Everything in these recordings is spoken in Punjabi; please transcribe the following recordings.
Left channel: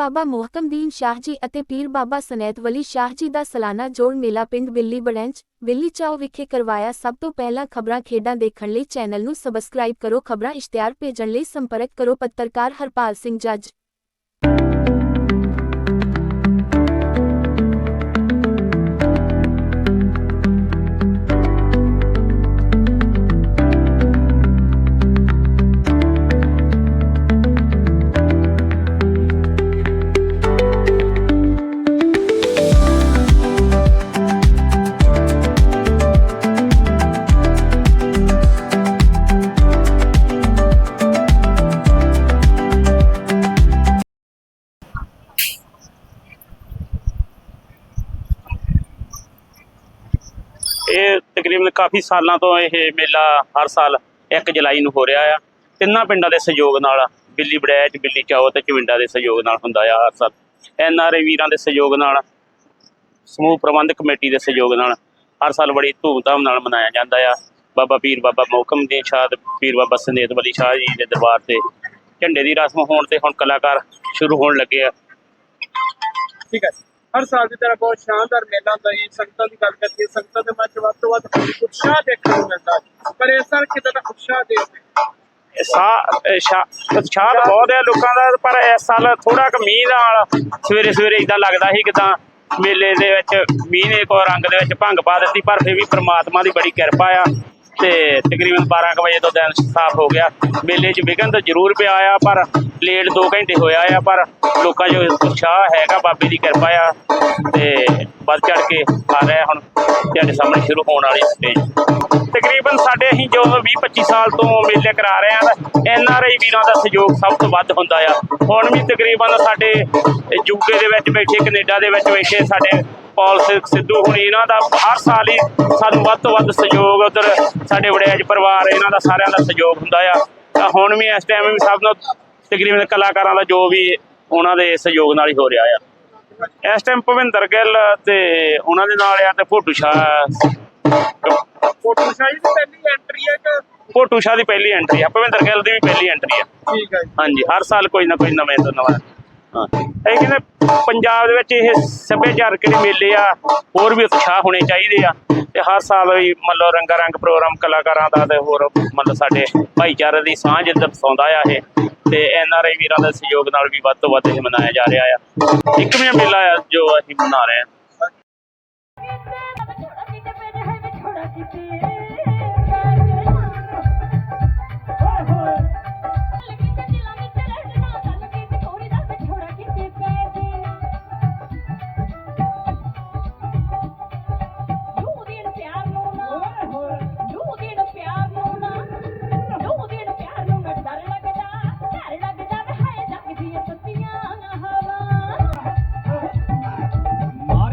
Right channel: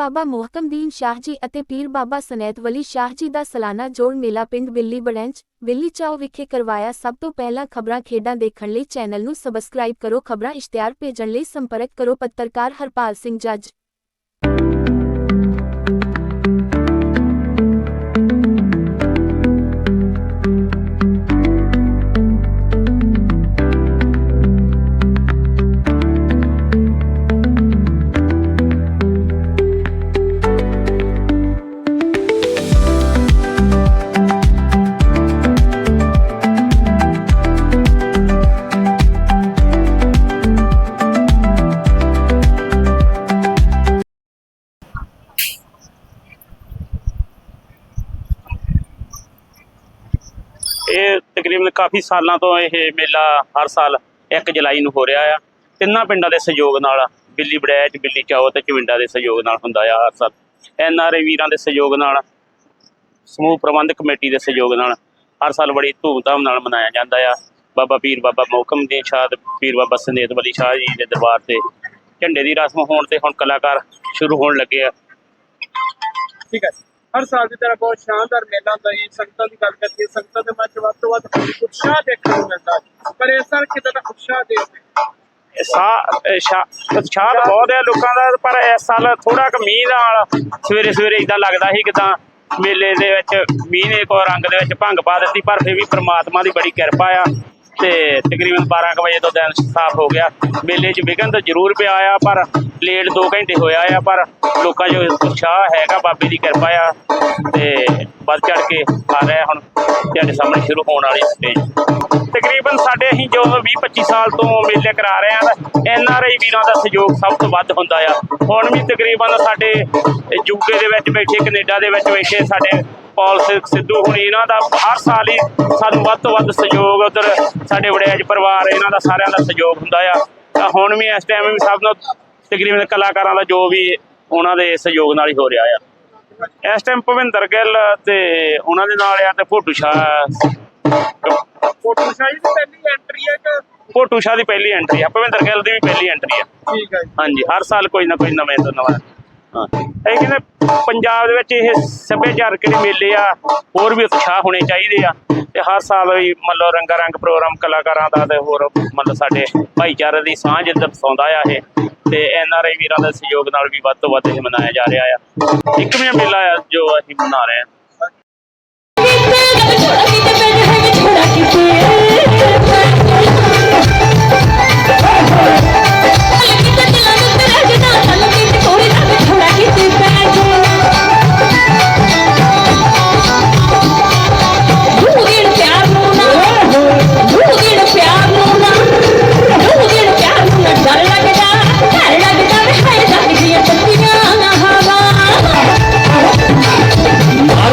ਬਾਬਾ ਮੁਹਕਮਦੀਨ ਸ਼ਾਹ ਜੀ ਅਤੇ ਪੀਰ ਬਾਬਾ ਸਨੈਤ ਵਲੀ ਸ਼ਾਹ ਜੀ ਦਾ ਸਾਲਾਨਾ ਜੋੜ ਮੇਲਾ ਪਿੰਡ ਬਿੱਲੀ ਬੜੈਂਚ, ਬਿੱਲੀ ਚਾਓ ਵਿਖੇ ਕਰਵਾਇਆ ਸਭ ਤੋਂ ਪਹਿਲਾਂ ਖਬਰਾਂ ਖੇਡਾਂ ਦੇਖਣ ਲਈ ਚੈਨਲ ਨੂੰ ਸਬਸਕ੍ਰਾਈਬ ਕਰੋ, ਖਬਰਾਂ ਇਸ਼ਤਿਹਾਰ ਭੇਜਣ ਲਈ ਸੰਪਰਕ ਕਰੋ, ਪੱਤਰਕਾਰ ਹਰਪਾਲ ਸਿੰਘ ਜੱਜ। ਤਕਰੀਬਨ ਕਾਫੀ ਸਾਲਾਂ ਤੋਂ ਇਹ ਮੇਲਾ ਹਰ ਸਾਲ 1 ਜੁਲਾਈ ਨੂੰ ਹੋ ਰਿਹਾ ਆ। ਤਿੰਨਾਂ ਪਿੰਡਾਂ ਦੇ ਸਹਿਯੋਗ ਨਾਲ ਬਿੱਲੀ ਬੜੈਚ ਬਿੱਲੀ ਚਾਓ ਤੇ ਚਵਿੰਡਾ ਦੇ ਸਹਿਯੋਗ ਨਾਲ ਹੁੰਦਾ ਆ ਹਰ ਸਾਲ। ਐਨ ਆਰ ਏ ਵੀਰਾਂ ਦੇ ਸਹਿਯੋਗ ਨਾਲ, ਸਮੂਹ ਪ੍ਰਬੰਧਕ ਕਮੇਟੀ ਦੇ ਸਹਿਯੋਗ ਨਾਲ ਹਰ ਸਾਲ ਬੜੀ ਧੂਮਧਾਮ ਨਾਲ ਮਨਾਇਆ ਜਾਂਦਾ ਆ। ਬਾਬਾ ਪੀਰ ਬਾਬਾ ਮੋਹਕਮ ਦੀ ਸ਼ਾਹ ਤੇ ਪੀਰ ਬਾਬਾ ਸੰਦੇਤ ਵਲੀ ਸ਼ਾਹ ਜੀ ਦੇ ਦਰਬਾਰ ਤੇ ਝੰਡੇ ਦੀ ਰਸਮ ਹੋਣ ਤੇ ਹੁਣ ਕਲਾਕਾਰ ਸ਼ੁਰੂ ਹੋਣ ਲੱਗੇ ਆ। ਠੀਕ ਹੈ ਹਰ ਸਾਲ ਦੀ ਤਰ੍ਹਾਂ ਬਹੁਤ ਸ਼ਾਨਦਾਰ ਮੇਲਾ ਹੁੰਦਾ ਹੈ। ਸੰਗਤਾਂ ਦੀ ਗੱਲ ਕਰੀਏ, ਸੰਗਤਾਂ ਦੇ ਮਨ ਵੱਧ ਤੋਂ ਵੱਧ ਉਤਸ਼ਾਹ ਦੇਖਣ ਨੂੰ ਮਿਲਦਾ ਪਰ ਇਸ ਸਾਲ ਕਿਤੇ ਦਾ ਉਤਸ਼ਾਹ ਦੇ ਉਤਸ਼ਾਹ ਬਹੁਤ ਹੈ ਲੋਕਾਂ ਦਾ, ਪਰ ਇਸ ਸਾਲ ਥੋੜਾ ਕੁ ਮੀਂਹ ਨਾਲ ਸਵੇਰੇ ਸਵੇਰੇ ਇਦਾਂ ਲੱਗਦਾ ਸੀ ਕਿਦਾਂ ਮੇਲੇ ਦੇ ਵਿੱਚ ਮੀਂਹ ਨੇ ਕੋ ਰੰਗ ਦੇ ਵਿੱਚ ਭੰਗ ਪਾ ਦਿੱਤੀ, ਪਰ ਫਿਰ ਵੀ ਪ੍ਰਮਾਤਮਾ ਦੀ ਬੜੀ ਕਿਰਪਾ ਆ ਤੇ ਤਕਰੀਬਨ 12 ਕੁ ਵਜੇ ਤੋਂ ਦਿਨ ਸਾਫ਼ ਹੋ ਗਿਆ। ਮੇਲੇ 'ਚ ਵਿਘਨ ਤਾਂ ਜ਼ਰੂਰ ਪਿਆ ਆ, ਪਰ ਲੇਟ 2 ਘੰਟੇ ਹੋਇਆ ਆ, ਪਰ ਲੋਕਾਂ 'ਚ ਉਤਸ਼ਾਹ ਹੈਗਾ, ਬਾਬੇ ਦੀ ਕਿਰਪਾ ਆ, ਤੇ ਵੱਧ ਚੜ ਕੇ ਆ ਰਿਹਾ ਹੁਣ, ਤੁਹਾਡੇ ਸਾਹਮਣੇ ਸ਼ੁਰੂ ਹੋਣ ਵਾਲੀ ਸਟੇਜ ਤਕਰੀਬਨ ਸਾਡੇ ਅਸੀਂ ਜੋ 20 25 ਸਾਲ ਤੋਂ ਮੇਲੇ ਕਰਾ ਰਹੇ ਹਾਂ, ਐਨ ਆਰ ਆਈ ਵੀਰਾਂ ਦਾ ਸਹਿਯੋਗ ਸਭ ਤੋਂ ਵੱਧ ਹੁੰਦਾ ਆ। ਹੁਣ ਵੀ ਤਕਰੀਬਨ ਸਾਡੇ ਯੂਕੇ ਦੇ ਵਿੱਚ ਬੈਠੇ, ਕੈਨੇਡਾ ਦੇ ਵਿੱਚ ਬੈਠੇ, ਸਾਡੇ ਪੌਲ ਸਿ- ਸਿੱਧੂ ਹੁਣੀ ਇਹਨਾਂ ਦਾ ਹਰ ਸਾਲ ਹੀ ਸਾਨੂੰ ਵੱਧ ਤੋਂ ਵੱਧ ਸਹਿਯੋਗ, ਉਧਰ ਸਾਡੇ ਵੜਿਆਜ ਪਰਿਵਾਰ, ਇਹਨਾਂ ਦਾ ਸਾਰਿਆਂ ਦਾ ਸਹਿਯੋਗ ਹੁੰਦਾ ਆ। ਤਾਂ ਹੁਣ ਵੀ ਇਸ ਟਾਈਮ ਵੀ ਸਭ ਨੂੰ ਤਕਰੀਬਨ ਕਲਾਕਾਰਾਂ ਦਾ ਜੋ ਵੀ ਉਹਨਾਂ ਦੇ ਸਹਿਯੋਗ ਨਾਲ ਹੀ ਹੋ ਰਿਹਾ ਆ। ਇਸ ਟਾਈਮ ਭਵਿੰਦਰ ਗਿੱਲ ਤੇ ਉਹਨਾਂ ਦੇ ਨਾਲ ਆ ਤੇ ਫੋਟੂ ਸ਼ਾਹ ਫੋਟੋ ਸ਼ਾਹੀ ਦੀ ਪਹਿਲੀ ਐਂਟਰੀ ਹੈ ਕਿ ਫੋਟੂ ਸ਼ਾਹ ਦੀ ਪਹਿਲੀ ਐਂਟਰੀ ਆ ਭਵਿੰਦਰ ਗਿੱਲ ਦੀ ਵੀ ਪਹਿਲੀ ਐਂਟਰੀ ਆ। ਠੀਕ ਹੈ ਜੀ। ਹਾਂਜੀ ਹਰ ਸਾਲ ਕੋਈ ਨਾ ਕੋਈ ਨਵੇਂ ਤੋਂ ਨਵਾਂ। ਹਾਂ। ਇਹ ਕਹਿੰਦੇ ਪੰਜਾਬ ਦੇ ਵਿੱਚ ਇਹ ਸੱਭਿਆਚਾਰਕ ਜਿਹੜੇ ਮੇਲੇ ਆ ਹੋਰ ਵੀ ਉਤਸ਼ਾਹ ਹੋਣੇ ਚਾਹੀਦੇ ਆ। ਤੇ ਹਰ ਸਾਲ ਵੀ ਮਤਲਬ ਰੰਗਾ ਰੰਗ ਪ੍ਰੋਗਰਾਮ ਕਲਾਕਾਰਾਂ ਦਾ ਤੇ ਹੋਰ ਮਤਲਬ ਸਾਡੇ ਭਾਈਚਾਰੇ ਦੀ ਸਾਂਝ ਦਰਸਾਉਂਦਾ ਆ ਇਹ, ਤੇ ਐਨ ਆਰ ਆਈ ਵੀਰਾਂ ਦੇ ਸਹਿਯੋਗ ਨਾਲ ਵੀ ਵੱਧ ਤੋਂ ਵੱਧ ਇਹ ਮਨਾਇਆ ਜਾ ਰਿਹਾ ਆ। ਇੱਕ ਮੇਲਾ ਆ ਜੋ ਅਸੀਂ ਮਨਾ ਰਹੇ ਹਾਂ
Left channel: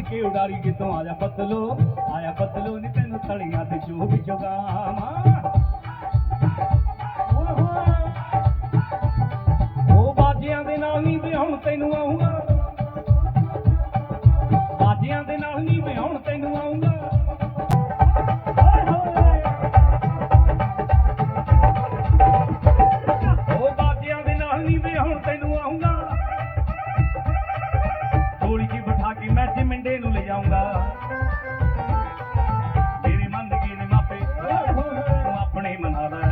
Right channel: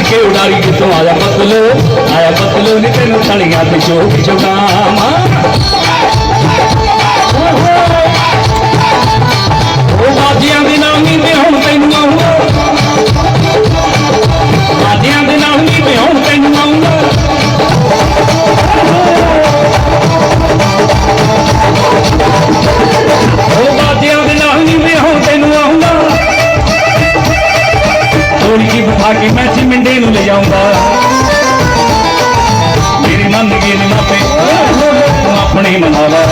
ਮਾਰ ਕੇ ਉਡਾਰੀ ਕਿਤੋਂ ਆਇਆ ਪਤਲੋ ਆਇਆ ਪਤਲੋ ਨੀ ਤੈਨੂੰ ਥੋੜੀ ਜਿਹੀ ਬਿਠਾ ਕੇ ਮੈਂ ਮਿੰਡੇ ਨੂੰ ਲੈ ਜਾਊਂਗਾ ਮੇਰੇ ਮਨ ਦੇ ਨੇ ਮਾਪੇ, ਤੂੰ ਆਪਣੇ ਮਨਾ ਲੈ।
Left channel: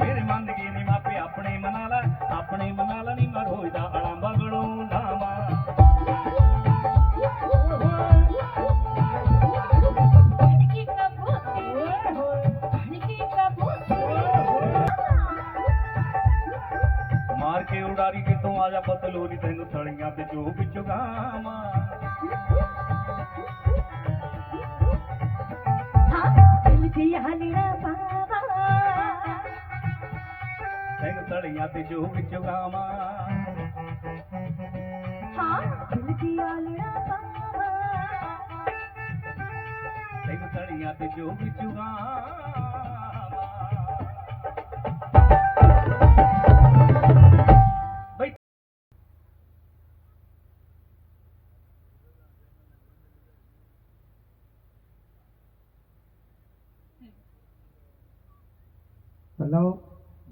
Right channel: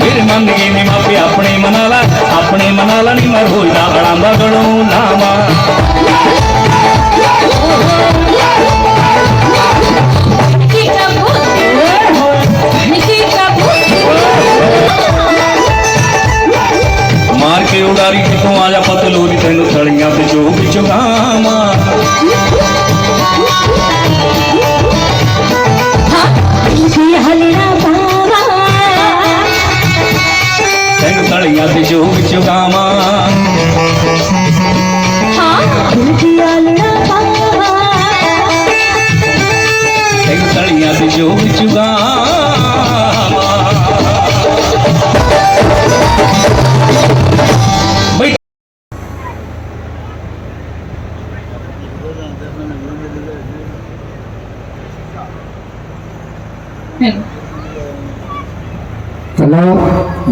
ਮੇਰੇ ਮਨ ਦੇ ਨੇ ਮਾਪੇ, ਆਪਣੇ ਮਨਾ ਲੈ। ਆਪਣੇ ਮਨਾ ਲੈ ਨਹੀਂ ਮੈਂ ਹੋਈਦਾ ਅੜਾਂਦਾ ਗਣੂ ਨਾਮਾ ਮਾਰ ਕੇ ਉਡਾਰੀ ਕਿਤੋਂ ਆ ਜਾ ਪਤਲੂਰੀ ਤੈਨੂੰ ਥਲੀਆਂ ਤੇ ਚੋਕ ਚੁਗਾਵਾਂ ਤੈਨੂੰ ਥਲੀਆਂ ਤੇ ਚੋਕ ਚੁਗਾਵਾਂ ਤੈਨੂੰ ਥਲੀਆਂ ਤੇ ਚੋਕ ਚੁਗਾਵਾਂ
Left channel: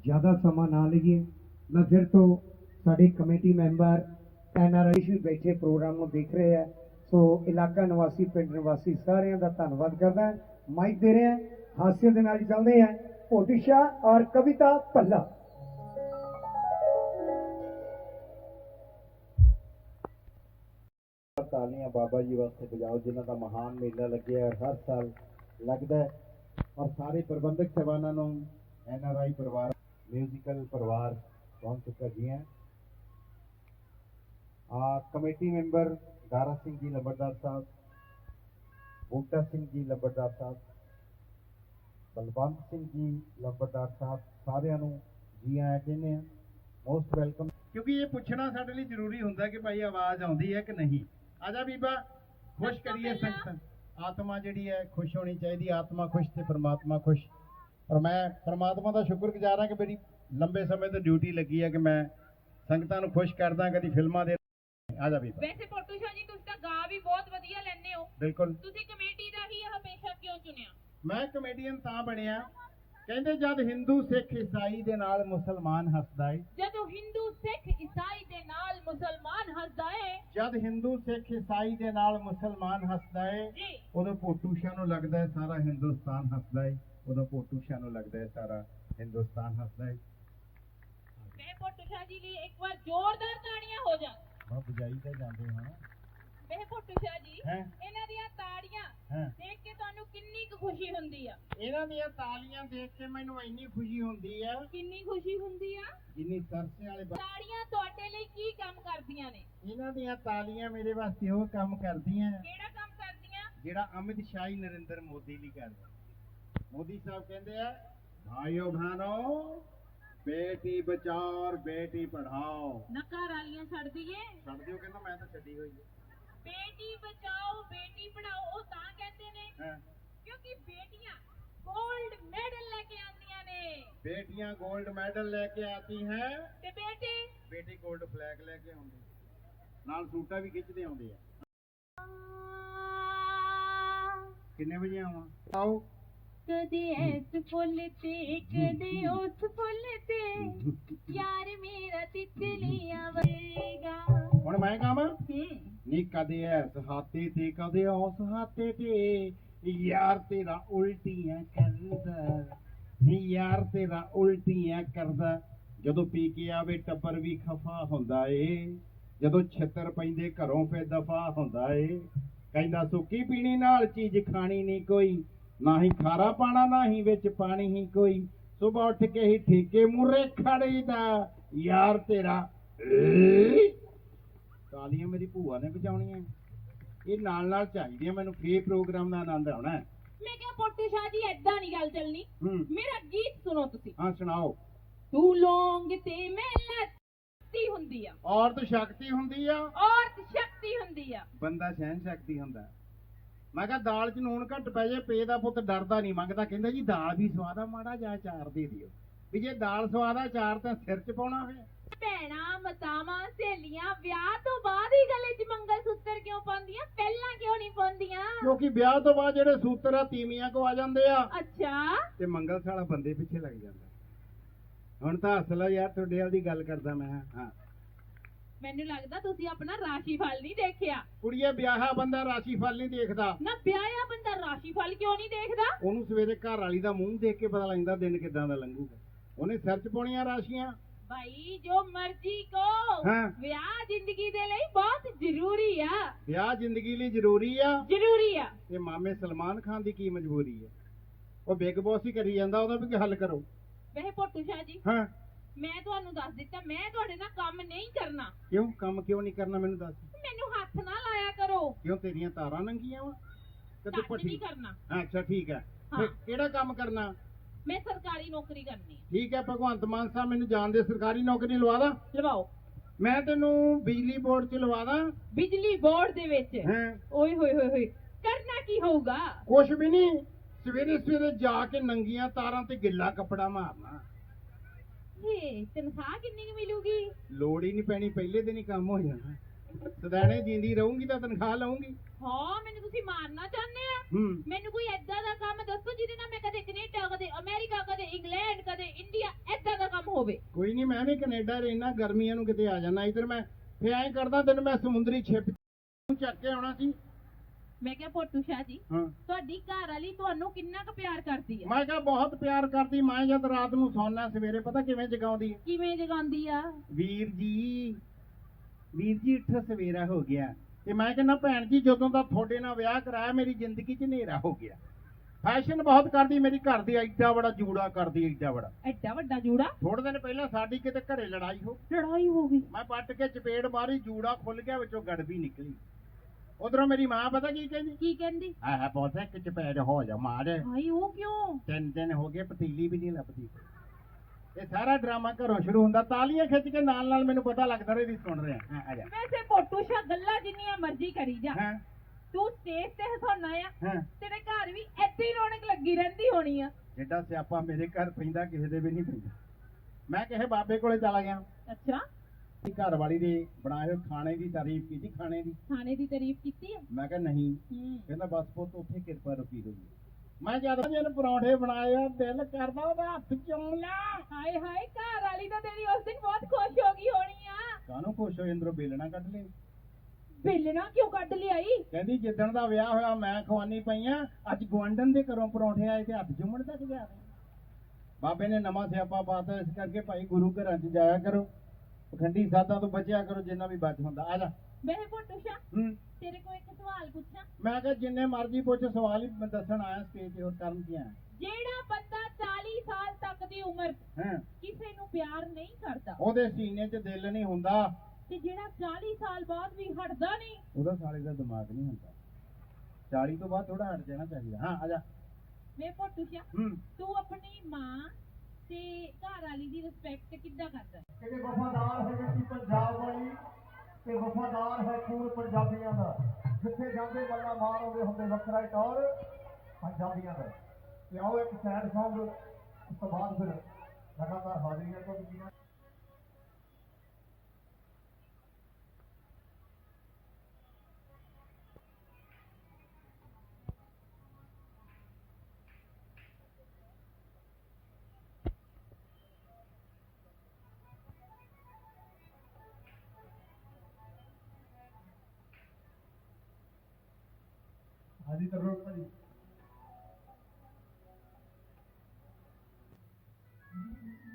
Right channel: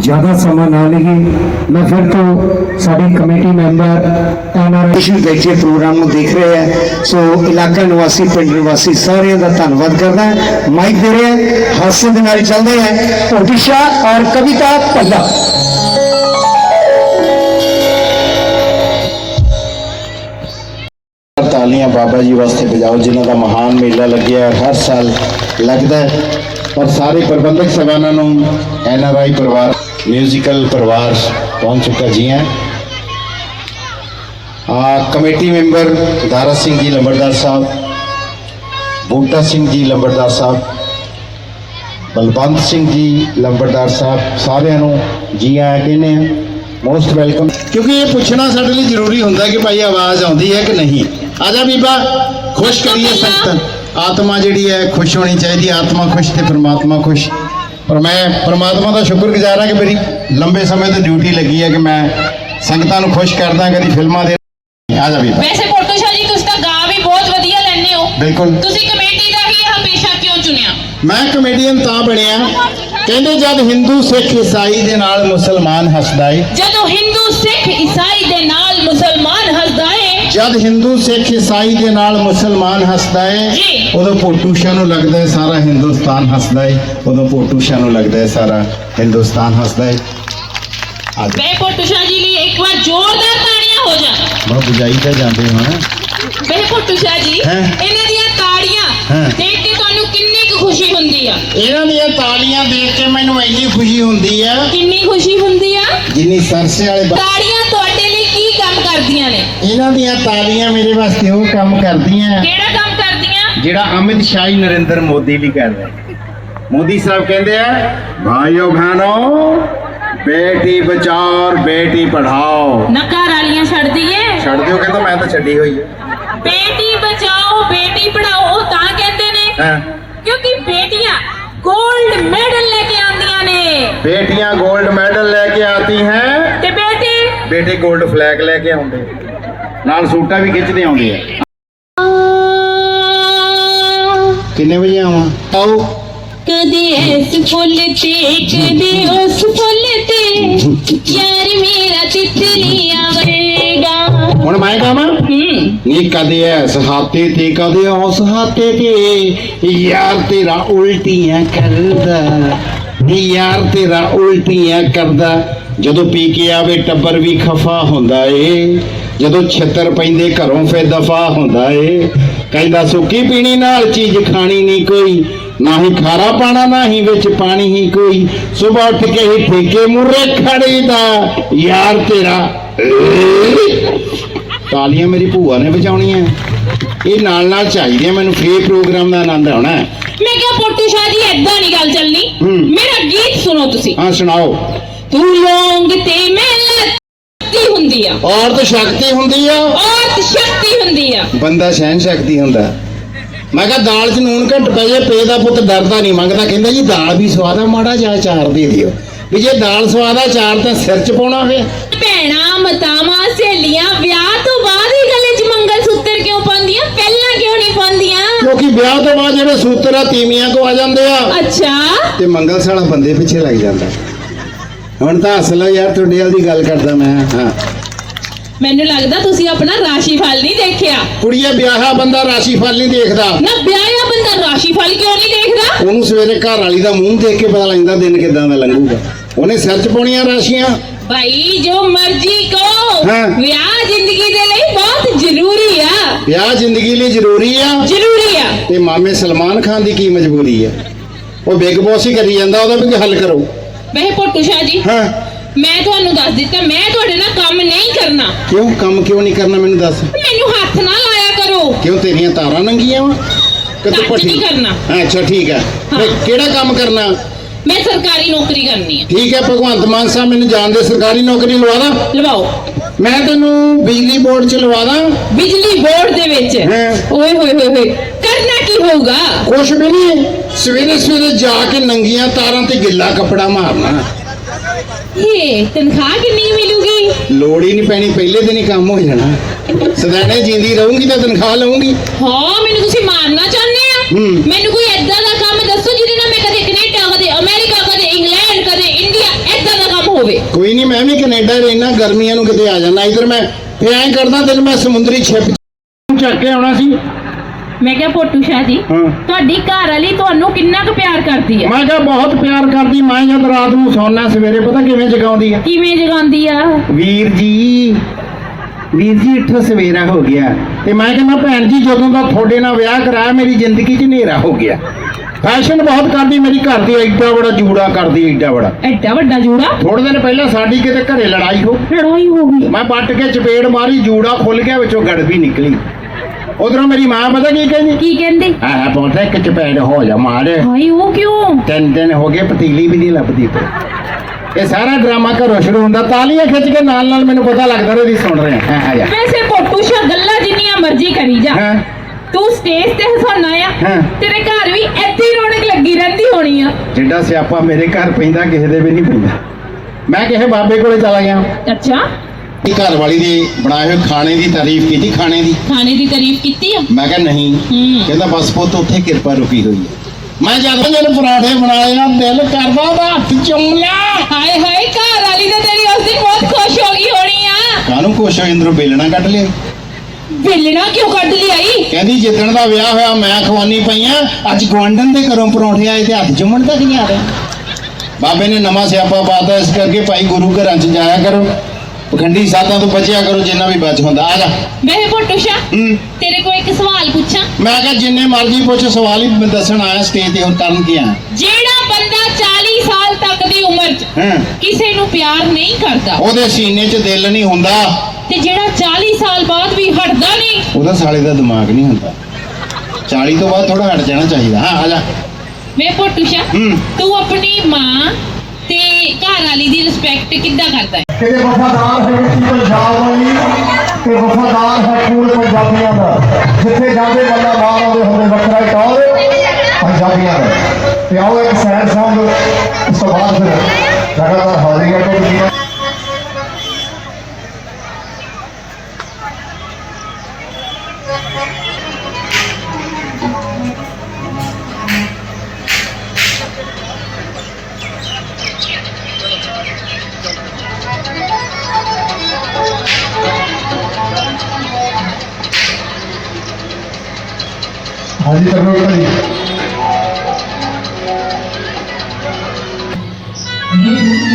ਜ਼ਿਆਦਾ ਸਮਾਂ ਨਾ ਲਈਏ ਮੈਂ ਫਿਰ ਤੋਂ ਸਾਡੇ ਕਮੇਟੀ ਮੈਂਬਰ ਐਨਆਰਆਈ ਬੈਠੇ ਪ੍ਰੋਗਰਾਮ ਨੂੰ ਦੇਖ ਰਹੇ ਹੈ ਸੋ ਇਲਾਕਾ ਨਿਵਾਸੀ ਪਿੰਡ ਨਿਵਾਸੀ ਸਾਰਿਆਂ ਦਾ ਧੰਨਵਾਦ ਕਰਦਾ ਮਾਈਕ ਦੇ ਰਿਹਾ ਹਾਸੇ ਦੇ ਨਾਲ ਚੱਲਦੇ ਹੈ ਓਟਿਸ਼ਾ ਔਰ ਕਵਿਤਾ ਪੱਲਾ ਤਾਲੀਆਂ ਬਾਬਾ ਜੀ ਵਾਸਤੇ ਵਜਾਓ ਜਿਨ੍ਹਾਂ ਦਾ ਮਹਾਨ ਮੇਲਾ ਲੱਗਿਆ ਹੈ, ਹਰ ਸਾਲ ਲੱਗਦਾ ਔਰ ਸਾਰੇ ਪ੍ਰਬੰਧਕ ਸਭਾਨਾਂ ਨੂੰ ਐਨ ਆਰ ਆਈ ਪਰਿਵਾਰ ਮਿਊਜ਼ੀਕਲ ਪਰਿਵਾਰ ਪਹੁੰਚ ਚੁੱਕਾ ਜੀ ਹੈ। ਆ, ਕਮੇਟੀ ਮੈਂਬਰ ਦਾਰਾ ਸਿੰਘ ਜੀ ਲੰਬੜਦਾਰ ਸਾਹਿਬ, ਬੂਟਾ ਸਿੰਘ ਜੀ ਲੰਬੜਦਾਰ ਸਾਹਿਬ, ਬਲਵੰਤ ਸਿੰਘ ਜੀ ਲੰਬੜਦਾਰ ਸਾਹਿਬ, ਸਾਰਿਆਂ ਨੂੰ ਜੀ ਆਇਆਂ ਕਹਿੰਦੇ ਆ ਮੋਸਟ ਵੈਲਕਮ ਕਿਉਂਕਿ ਇਹ ਪੁੱਛਣਾ ਸਾਡੇ ਲਈ ਜ਼ਰੂਰੀ ਹੁੰਦਾ ਕਿ ਭਾਈ ਆਵਾਜ਼ ਆਉਂਦੀ ਹੈ ਕਿ ਨਹੀਂ। ਆ ਜਾ ਬੀਬਾ, ਖੁਸ਼ ਕਰੀਏ ਸੰਗਤ ਆਤਮਾ ਜਿਹੜੀ ਹੈ, ਖੁਸ਼ ਹੋਣੀ ਚਾਹੀਦੀ ਆਤਮਾ ਖੁਸ਼ ਤੇ ਪ੍ਰਮਾਤਮਾ ਖੁਸ਼। ਔਰ ਮੈਂ ਪ੍ਰਮਾਤਮਾ ਦਾ ਸ਼ੁਕਰਗੁਜ਼ਾਰ ਹਾਂ ਕਿ ਮੇਰੀ ਲੰਬੇ ਸਮੇਂ ਤੋਂ ਡਿਊਟੀ ਲੱਗੀ ਹੈ ਕਿ ਮੈਂ ਸੰਗਤਾਂ ਨੂੰ ਖੁਸ਼ ਕਰਦਾ ਕਦੀ ਫਿਲਮਾਂ ਦੇ ਆ ਜਾ ਬੀਬਾ ਵੈਸੇ ਪੋਟੋ ਸ਼ਾਹ ਜੀ ਤੁਸੀਂ ਤਾਂ ਗਾ ਵੀ ਬਹੁਤ ਵਧੀਆ ਲੈਂਦੇ ਹੋ। ਬਿਲਕੁਲ। ਤੁਸੀਂ ਕਮੇਟੀ ਦਾ ਹੀ ਇਹ ਪੇਸ਼ਾ ਕਿਉਂ ਚੁਣਿਆ? ਮੈਂ ਕਮੇਡੀਅਨ ਤਾਂ ਬਣਿਆ। ਕਹਿੰਦੇ ਜਦ ਹਿੰਦੂ ਸਿੱਖ ਈਸਾਈ ਦੇ ਨਾਲ ਮੁਸਲਮਾਨ ਹੱਸਦਾ ਏ। ਜਦੋਂ ਹਿੰਦੂ ਸਿੱਖ ਈਸਾਈ ਦੇ ਨਾਲ ਜਦ ਹਿੰਦੂ ਸਿੱਖ ਈਸਾਈ ਦੇ ਨਾਲ ਮੁਸਲਮਾਨ ਹੱਸਦਾ ਏ। ਉਦੋਂ ਪੋਟੂ ਸ਼ਾਹ ਨੂੰ ਲੱਗਦਾ ਏ ਸਾਰਾ ਹਿੰਦੁਸਤਾਨ ਹੱਸਦਾ ਏ। ਉਦੋਂ ਪੋਟੂ ਸ਼ਾਹ ਨੂੰ ਲੱਗਦਾ ਏ ਸਾਰਾ ਹਿੰਦੁਸਤਾਨ ਹੱਸਦਾ ਏ। ਵੇ ਪੋਟੋ ਸ਼ਾਹ ਜੀ ਲਈ ਇੱਕ ਵਾਰ ਜ਼ੋਰਦਾਰ ਤਾੜੀਆਂ ਹੋ ਜਾਣ। ਬਹੁਤ ਬੁਝਾਈ ਤਾਂ ਜਾਂਦੇ ਹੋ। ਵੇ ਪੋਟੋ ਸ਼ਾਹ ਜੀ? ਇਹਨਾਂ ਦੀਆਂ ਤਾੜੀਆਂ? ਦੇਖ ਕੇ ਤੁਹਾਨੂੰ ਕਿੰਨੀ ਕੁ ਖੁਸ਼ੀ ਹੁੰਦੀ ਆ? ਇਹਨਾਂ ਦੀਆਂ ਤਾਲੀਆਂ ਦੇਖ ਕੇ ਮੈਨੂੰ ਇੰਨੀ ਖੁਸ਼ੀ ਹੁੰਦੀ ਆ। ਕਿੰਨੀ ਖੁਸ਼ੀ ਹੁੰਦੀ ਆ? ਜਿੰਨੀ ਸਰਸੇ ਵਾਲੇ ਬਾ- ਤਾੜੀਆਂ ਕਰਦੀਆਂ ਨੇ? ਇਹਨਾਂ ਦੀਆਂ ਤਾਲੀਆਂ ਮੇਰੇ ਵਾਸਤੇ ਉਹ ਕੰਮ ਕਰਦੀਆਂ ਕਿਹੜਾ ਕੰਮ ਕਰਦੀਆਂ? ਜਿਹੜਾ ਅਮਿਤ ਸ਼ਾਹੀ ਨਰਿੰਦਰ ਮੋਦੀ ਵੀ ਕਰ ਰਿਹਾ। ਮੋਦੀ ਸਾਹਿਬ ਕਹਿੰਦੇ ਆ ਭਾਈਓ ਬਹਿਨੋ ਬੇਟੀ ਬਚਾਓ ਔਰ ਬੇਟੀ ਪੜਾਓ ਨਾ ਘਰ ਵਾਲੀਆਂ ਛੱਡ ਦਈਏ? ਛੱਡ ਦਿਓ ਕਹਿੰਦਾ ਮੈਂ ਤਾਂ ਛੱਡੀ ਹੋਈ ਹੈ ਬੇਟੀ ਬਚਾਓ ਬੇਟੀ ਪੜਾਓ ਉਹ ਤਾਂ ਕਹਿੰਦੇ ਨੇ। ਕਿਉਂਕਿ ਬੇਟੀਆਂ 골ਡ ਮੈਡਲ ਲੈ ਕੇ ਆਉਂਦੀਆਂ ਨੇ। ਬੇਟੀਆਂ 골ਡ ਮੈਡਲ ਲੈ ਕੇ ਆਤੀ ਹੈ ਤੇ ਬੇਟੇ 골ਡ ਫਲੈਗ ਲੈ ਕੇ ਆਉਂਦੇ। ਨਾਲ ਸੂਟਾਂ ਵੀ ਖਿੱਚਦੇ ਆਉਂਦੇ ਆ। ਕਿੰਨੇ ਵਜੇ ਆਵਾਂ? ਆਓ। ਕਦੇ ਇਸ ਫੁੱਲ ਤੇ ਕਦੇ ਉਸ ਫੁੱਲ ਤੇ। ਯਾਰ ਮੇਰਾ ਤਿਤਲੀਆਂ ਵਰਗਾ ਹੁਣ ਮੈਂ ਕਹਾਂ ਨੀ ਕਦੇ ਐਸ ਹਾਤੇ ਤੇ ਕਦੇ ਉਸ ਹਾਤੇ ਤੇ। ਯਾਰ ਤੇਰਾ ਉਲਟੀਆਂ ਕਰਦਾ। ਨੀ ਯਾਰ ਤੇਰਾ ਉਲਟੀਆਂ ਕਰਦਾ। ਜਦੋਂ ਪੀ ਕੇ ਆਵੇ ਟੱਬਰ ਵੀ ਖਫਾ ਹੁੰਦਾ ਏ। ਜਦੋਂ ਛਿੱਤਰ ਪੈਂਦੇ ਘਰੋਂ ਫੇ ਦਫਾ ਹੁੰਦਾ ਏ। ਕਹਿੰਦਾ ਸੁੱਕੀ ਪੀਣੀ ਨਾਲ ਚੀਜ਼ ਖਾਣੀ ਨਹੀਂ ਕੋਈ। ਨਾ ਹੀ ਖਾਰਾ ਪਾਣਾ ਨਾ ਹੀ ਵਿੱਚ ਪਾਣੀ ਹੀ ਕੋਈ। ਸਵੇਰ ਉੱਠ ਕੇ ਹੀ ਠੇਕੇ ਮੁਰੇ ਖੜੀਦਾ ਯਾਰ ਤੇਰਾ ਤਾਲੀਆਂ ਮੇਰੀ ਭੂਆ ਨੇ ਵਜਾਉਣੀਆਂ। ਇਹ ਨਾਲ ਨਾਲ ਚਾਹੀਦੀਆਂ ਮੈਨੂੰ ਫੇਰ ਪ੍ਰੋਗਰਾਮ ਦਾ ਆਨੰਦ ਆਉਣਾ। ਮੈਂ ਕਿਹਾ ਪੋਟੂ ਸ਼ਾਹ ਜੀ ਐਦਾਂ ਨਹੀਂ ਗੱਲ ਚੱਲਣੀ। ਮੇਰਾ ਗੀਤ ਸੁਣੋ ਤੁਸੀਂ। ਹਾਂ ਸੁਣਾਓ। ਤੂੰ ਲੌਂਗ ਤੇ ਮੈਂ ਲੱਤੀ ਹੁੰਦੀ ਆ। ਔਰਤ ਸ਼ਕਤੀ ਹੁੰਦੀ ਆ। ਔਰਤ ਸ਼ਕਤੀ ਹੁੰਦੀ ਆ। ਬੰਦਾ ਸਹਿਨ ਸ਼ਕਤੀ ਹੁੰਦਾ। ਮੈਂ ਕਿਹਾ ਦਾਲ 'ਚ ਨੂਨ ਘੱਟ ਪੈ ਜੇ ਪੇ ਦਾ ਪੁੱਤ ਡਰਦਾ ਨਹੀਂ। ਮੰਗਦਾ ਕਹਿੰਦਾ ਜੀ ਦਾਲ ਵੀ ਸਵਾਦ ਆ ਮਾੜਾ ਜਿਹਾ ਚਾਰ ਦੇ ਦਿਓ। ਵੀ ਜੇ ਦਾਲ ਸਵਾਦ ਆ ਚਾਰ ਤਾਂ ਸਿਰ 'ਚ ਪਾਉਣਾ ਹੋਵੇ ਭੈਣਾਂ ਮਤਾਵਾਂ ਸਹੇਲੀਆਂ ਵਿਆਹ ਤੋਂ ਬਾਅਦ ਹੀ ਗਲੇ 'ਚ ਮੰਗਲ ਸੂਤਰ ਕਿਉਂ ਪਾਉਂਦੀਆਂ? ਪਹਿਲਾਂ ਕਿਉਂ ਨਹੀਂ ਪਾਉਂਦੀਆਂ? ਕਿਉਂਕਿ ਵਿਆਹ ਤੋਂ ਬਾਅਦ ਜਿਹੜੇ ਸੂਤਰ ਆ ਤੀਵੀਆਂ ਕੋ ਆ ਜਾਂਦੇ ਆ। ਅੱਛਾ। ਤੇ ਮੰਗਲ ਸਾਲਾ ਬੰਦੇ ਪਿੱਛੇ ਲੱਗ ਜਾਂਦਾ। ਹੁਣ ਤਾਂ ਅਸਲ ਯਾਰ ਤੁਹਾਡੇ ਵਾਲ ਗੱਲ ਕਰਦਾ ਮੈਂ ਹਾਂ। ਮੈਨੂੰ ਲੱਗਦਾ ਤੁਸੀਂ ਆਪਣਾ ਰਾਸ਼ੀਫਲ ਨਹੀਂ ਦੇਖਿਆ। ਕੁੜੀਏ ਵਿਆਹਾ ਬੰਦਾ ਰਾਸ਼ੀ ਫਲ ਨਹੀਂ ਦੇਖਦਾ। ਨਾ ਵਿਆਹਿਆ ਬੰਦਾ ਰਾਸ਼ੀਫਲ ਕਿਉਂ ਨਹੀਂ ਦੇਖਦਾ? ਉਹਨੂੰ ਸਵੇਰੇ ਘਰ ਵਾਲੀ ਦਾ ਮੂੰਹ ਦੇਖ ਕੇ ਪਤਾ ਲੱਗਦਾ ਦਿਨ ਕਿਦਾਂ ਦਾ ਲੰਘੂਗਾ। ਉਹਨੇ ਸਿਰ 'ਚ ਪਾਉਣੀਆਂ ਰਾਸ਼ੀਆਂ। ਭਾਈ ਜੋ ਮਰਜ਼ੀ ਕਹੋ ਹਾਂ। ਵਿਆਹ ਜ਼ਿੰਦਗੀ ਦੇ ਲਈ ਬਹੁਤ ਜ਼ਰੂਰੀ ਆ। ਵਿਆਹ ਜ਼ਿੰਦਗੀ ਲਈ ਜ਼ਰੂਰੀ ਆ। ਜ਼ਰੂਰੀ ਆ। ਤੇ ਮਾਮੇ ਸਲਮਾਨ ਖਾਨ ਦੀ ਕੀ ਮਜਬੂਰੀ ਆ? ਉਹ ਬਿਗ ਬੌਸ ਹੀ ਕਰੀ ਜਾਂਦਾ ਉਹਦਾ ਵੀ ਹੱਲ ਕਰੋ। ਵੈਸੇ ਪੋਟੂ ਸ਼ਾਹ ਜੀ ਹਾਂ। ਮੈਂ ਤੁਹਾਨੂੰ ਦੱਸ ਦਿੱਤਾ ਮੈਂ ਤੁਹਾਡੇ ਨਾਲ ਕੰਮ ਨਹੀਂ ਕਰਨਾ। ਕਿਉਂ? ਕੰਮ ਕਿਉਂ ਨਹੀਂ ਕਰਨਾ ਮੈਨੂੰ ਦੱਸ? ਮੈਨੂੰ ਹੱਥ ਨਾ ਲਾਇਆ ਕਰੋ। ਕਿਉਂ ਤੇਰੀਆਂ ਤਾਰਾਂ ਨੰਗੀਆਂ ਵਾ? ਕਿ ਤੂੰ ਕੱਟ ਭੱਠੀ ਨਹੀਂ ਕਰਨਾ। ਹਾਂ, ਅੱਛਾ ਠੀਕ ਹੈ। ਫਿਰ ਕਿਹੜਾ ਕੰਮ ਕਰਨਾ? ਮੈਂ ਸਰਕਾਰੀ ਨੌਕਰੀ ਕਰਨੀ ਆ। ਠੀਕ ਹੈ ਭਗਵੰਤ ਮਾਨ ਸਾਹਿਬ ਮੈਨੂੰ ਜਾਣਦੇ ਸਰਕਾਰੀ ਨੌਕਰੀ ਲਵਾ ਦਾਂ? ਲਵਾਓ। ਮੈਂ ਤੈਨੂੰ ਬਿਜਲੀ ਬੋਰਡ 'ਚ ਲਵਾ ਦਾਂ? ਬਿਜਲੀ ਬੋਰਡ ਦੇ ਵਿੱਚ? ਹਾਂ। ਓਏ ਹੋਏ ਹੋਏ ਹੋਏ ਕਰਨਾ ਕੀ ਹੋਊਗਾ? ਕੁਛ ਵੀ ਨਹੀਂ। ਸਵੇਰੇ ਸਵੇਰੇ ਜਾ ਕੇ ਨੰਗੀਆਂ ਤਾਰਾਂ ਤੇ ਗਿੱਲਾ ਕੱਪੜਾ ਮਾਰਨਾ। ਇਹ ਤਨਖਾਹ ਕਿੰਨੀ ਮਿਲੂਗੀ? ਲੋੜ ਹੀ ਨਹੀਂ ਪੈਣੀ ਪਹਿਲੇ ਦਿਨ ਹੀ ਕੰਮ ਹੋ ਜਾਣਾ। ਸਦਾਨੇ ਜਿੰਦੀ ਰਹੂੰਗੀ ਤਾਂ ਤਨਖਾਹ ਲਵਾਂਗੀ ਹਾਂ ਮੈਨੂੰ ਤੁਸੀਂ ਮਾਰਨਾ ਚਾਹੁੰਦੇ ਆ? ਹੂੰ। ਮੈਨੂੰ ਕੋਈ ਐਦਾਂ ਦਾ ਕੰਮ ਦੱਸੋ ਜਿਹਦੇ ਨਾਲ ਮੈਂ ਕਦੇ ਕੈਨੇਡਾ ਕਦੇ ਅਮਰੀਕਾ ਕਦੇ ਇੰਗਲੈਂਡ ਕਦੇ ਇੰਡੀਆ ਐਦਾਂ ਦਾ ਹੋਵੇ। ਕੋਈ ਨਹੀਂ ਮੈਂ ਵੀ ਕੈਨੇਡਾ ਰਹਿਣਾ ਗਰਮੀਆਂ ਨੂੰ ਕਿਤੇ ਆ ਜਾਣਾ। ਇਧਰ ਮੈਂ ਫੇ ਐਂ ਕਰਦਾ ਤੈਨੂੰ ਮੈਂ ਸਮੁੰਦਰੀ ਛਿਪ ਚੱਕ ਕੇ ਆਉਣਾ ਸੀ। ਮੈਂ ਕਿਹਾ ਪੋਟੂ ਸ਼ਾਹ ਜੀ ਹਾਂ। ਤੁਹਾਡੀ ਘਰ ਵਾਲੀ ਤੁਹਾਨੂੰ ਕਿੰਨਾ ਕੁ ਪਿਆਰ ਕਰਦੀ ਹੈ ਮੈਂ ਕਿਹਾ ਬਹੁਤ ਪਿਆਰ ਕਰਦੀ। ਮੈਂ ਜਦ ਰਾਤ ਨੂੰ ਸੌਣਾ ਸਵੇਰੇ ਪਤਾ ਕਿਵੇਂ ਜਗਾਉਂਦੀ ਆ? ਕਿਵੇਂ ਜਗਾਉਂਦੀ ਆ? ਵੀਰ ਜੀ ਵੀਰ ਜੀ ਇੱਥੋਂ ਸਵੇਰਾ ਹੋ ਗਿਆ। ਤੇ ਮੈਂ ਕਹਿੰਦਾ ਭੈਣ ਜੀ ਜਦੋਂ ਦਾ ਤੁਹਾਡੇ ਨਾਲ ਵਿਆਹ ਕਰਾਇਆ ਮੇਰੀ ਜ਼ਿੰਦਗੀ 'ਚ ਹਨੇਰਾ ਹੋ ਗਿਆ। ਫੈਸ਼ਨ ਬਹੁਤ ਕਰਦੀ ਮੇਰੀ ਘਰ ਦੀ ਐਡਾ ਬੜਾ ਜੂੜਾ ਕਰਦੀ ਐਡਾ ਬੜਾ ਐਡਾ ਵੱਡਾ ਜੂੜਾ? ਥੋੜੇ ਦਿਨ ਪਹਿਲਾਂ ਸਾਡੀ ਕਿਤੇ ਘਰੇ ਲੜਾਈ ਹੋ ਲੜਾਈ ਹੋ ਗਈ। ਮੈਂ ਪੱਟ ਕੇ ਚਪੇੜ ਮਾਰੀ ਜੂੜਾ ਖੁੱਲ ਗਿਆ ਵਿੱਚੋਂ ਗੜਬੀ ਨਿਕਲੀ। ਉਧਰੋਂ ਮੇਰੀ ਮਾਂ ਪਤਾ ਕੀ ਕਹਿੰਦੀ? ਕੀ ਕਹਿੰਦੀ? ਆ ਪੌਂਟਾ ਇੱਕ ਚਪੇੜ ਹੋ ਜਾ ਮਾਰ। ਹਾਈ ਉਹ ਕਿਉਂ? ਤਿੰਨ ਦਿਨ ਹੋ ਗਏ ਪਤੀਲੀ ਵੀ ਨਹੀਂ ਲੱਭਦੀ ਤੇ। ਇਹ ਸਾਰਾ ਡਰਾਮਾ ਘਰੋਂ ਸ਼ੁਰੂ ਹੁੰਦਾ ਤਾਲੀਆਂ ਖਿੱਚ ਕੇ ਨਾਲ ਨਾਲ ਮੈਨੂੰ ਪਤਾ ਲੱਗਦਾ ਰਹੀ ਸੁਣ ਰਹੇ ਹਾਂ। ਆ ਜਾ। ਵੈਸੇ ਪੋਟੂ ਸ਼ਾਹ ਗੱਲਾਂ ਜਿੰਨੀਆਂ ਮਰਜ਼ੀ ਕਰੀ ਜਾ। ਹਾਂ। ਤੂੰ ਸਟੇਜ ਤੇ ਹਸਾਉਣਾ ਆ। ਹਾਂ। ਤੇਰੇ ਘਰ ਵੀ ਹੀ ਰੌਣਕ ਲੱਗੀ ਰਹਿੰਦੀ ਹੋਣੀ ਆ। ਜਿੱਡਾ ਸਿਆਪਾ ਮੇਰੇ ਘਰ ਪੈਂਦਾ ਕਿਸੇ ਦੇ ਵੀ ਨਹੀਂ ਪੈਂਦਾ। ਮੈਂ ਕਿਸੇ ਬਾਬੇ ਕੋਲੇ ਚਲਾ ਗਿਆ। ਅੱਛਾ। ਘਰ ਵਾਲੀ ਦੇ ਬਣਾਏ ਹੋਏ ਖਾਣੇ ਦੀ ਤਾਰੀਫ ਕੀਤੀ ਖਾਣੇ ਦੀ? ਖਾਣੇ ਦੀ ਤਾਰੀਫ ਕੀਤੀ ਆ? ਮੈਂ ਕਿਹਾ ਨਹੀਂ। ਕਹਿੰਦਾ ਬਸ ਪੁੱਤ ਉੱਥੇ ਕਿਰਪਾ ਰੁਕੀ ਹੋਈ ਹੈ। ਮੈਂ ਜਦੋਂ ਜਿਹੜੇ ਪਰਾਠੇ ਬਣਾਏ ਆ ਦਿਲ ਕਰਦਾ ਉਹਦਾ ਹੱਥ ਚੁੰਮ ਲਿਆ ਹਾਏ ਹਾਏ ਘਰ ਵਾਲੀ ਤਾਂ ਤੇਰੀ ਉਸ ਦਿਨ ਬਹੁਤ ਖੁਸ਼ ਹੋ ਗਈ ਹੋਣੀ ਆ। ਕਾਹਨੂੰ ਕੋਸ਼ੋ ਇੰਦਰੋਂ ਬੇਲਣਾ ਕੱਢ ਲਿਆ। ਵੇਲਣਾ ਕਿਉਂ ਕੱਢ ਲਈ ਕਹਿੰਦੀ ਜਿੱਦਣ ਦਾ ਵਿਆਹ ਹੋਇਆ ਮੈਂ ਖਵਾਨੀ ਪਈਆਂ ਅੱਜ ਗਵਾਂਢਣ ਦੇ ਘਰੋਂ ਪਰੌਂਠੇ ਆਏ ਤੇ ਹੱਥ ਚੁੰਮਣ ਤੱਕ ਨਹੀਂ ਆ ਰਹੇ। ਬਾਬੇ ਨੇ ਨਵਾਂ ਸਿਆਪਾ ਪਾਤਾ ਇਸ ਕਰਕੇ ਭਾਈ ਗੁਰੂ ਘਰਾਂ 'ਚ ਜਾਇਆ ਕਰੋ। ਪਖੰਡੀ ਸਾਧਾਂ ਤੋਂ ਬਚਿਆ ਕਰੋ ਜਿੰਨਾ ਵੀ ਬਚ ਹੁੰਦਾ। ਆ ਜਾ। ਮੈਂ ਪੋਟੂ ਸ਼ਾਹ ਹੂੰ। ਤੇਰੇ ਕੋਲ ਇੱਕ ਸਵਾਲ ਪੁੱਛਾਂ? ਮੈਂ ਕਿਹਾ ਜਿੰਨੇ ਮਰਜ਼ੀ ਪੁੱਛ ਸਵਾਲ ਹੀ ਮੈਂ ਦੱਸਣ ਆਇਆ ਸਟੇਜ ਤੇ ਹੁਣ ਕਰਨ ਕੀ ਆਇਆ? ਜਿਹੜਾ ਬੰਦਾ 40 ਸਾਲ ਤੱਕ ਦੀ ਉਮਰ 'ਚ ਹਾਂ। ਕਿਸੇ ਨੂੰ ਪਿਆਰ ਨਹੀਂ ਕਰਦਾ ਉਹਦੇ ਸੀਨੇ 'ਚ ਦਿਲ ਨਹੀਂ ਹੁੰਦਾ। ਤੇ ਜਿਹੜਾ 40 ਸਾਲ ਬਾਅਦ ਵੀ ਹਟਦਾ ਨਹੀਂ ਉਹਦਾ ਸਾਲੇ ਦਾ ਦਿਮਾਗ ਨਹੀਂ ਹੁੰਦਾ। 40 ਤੋਂ ਬਾਅਦ ਥੋੜਾ ਹਟ ਜਾਣਾ ਚਾਹੀਦਾ। ਹਾਂ ਆ ਜਾ। ਸ਼ਾਹ ਹੂੰ। ਤੂੰ ਆਪਣੀ ਮਾਂ ਘਰ ਵਾਲੀ ਦੀ ਰਿਸਪੈਕਟ ਕਿੱਦਾਂ ਕਰਦਾ ਹੈ? ਤੇਰੇ ਵਫਾਦਾਰ ਹੈ ਮਿੱਟੀ ਪੰਜਾਬ ਵਾਲੀ, ਤੇ ਵਫਾਦਾਰ ਹੈ ਕੂੜ ਪੰਜਾਬੀਆਂ ਦਾ। ਜਿੱਥੇ ਜਾਂਦੇ ਵੱਲਾ ਮਾਰ ਆਉਂਦੇ ਹੁੰਦੇ, ਵੱਖਰਾ ਹੀ ਟੌਰ ਪੰਜਾਬੀਆਂ ਦਾ। ਤੇ ਆਓ ਇੱਕ ਸੈਡ Song ਉਸ ਤੋਂ ਬਾਅਦ ਫਿਰ ਲਗਾਤਾਰ ਹਾਜ਼ਰੀਆਂ ਟੁੱਟਦੀਆਂ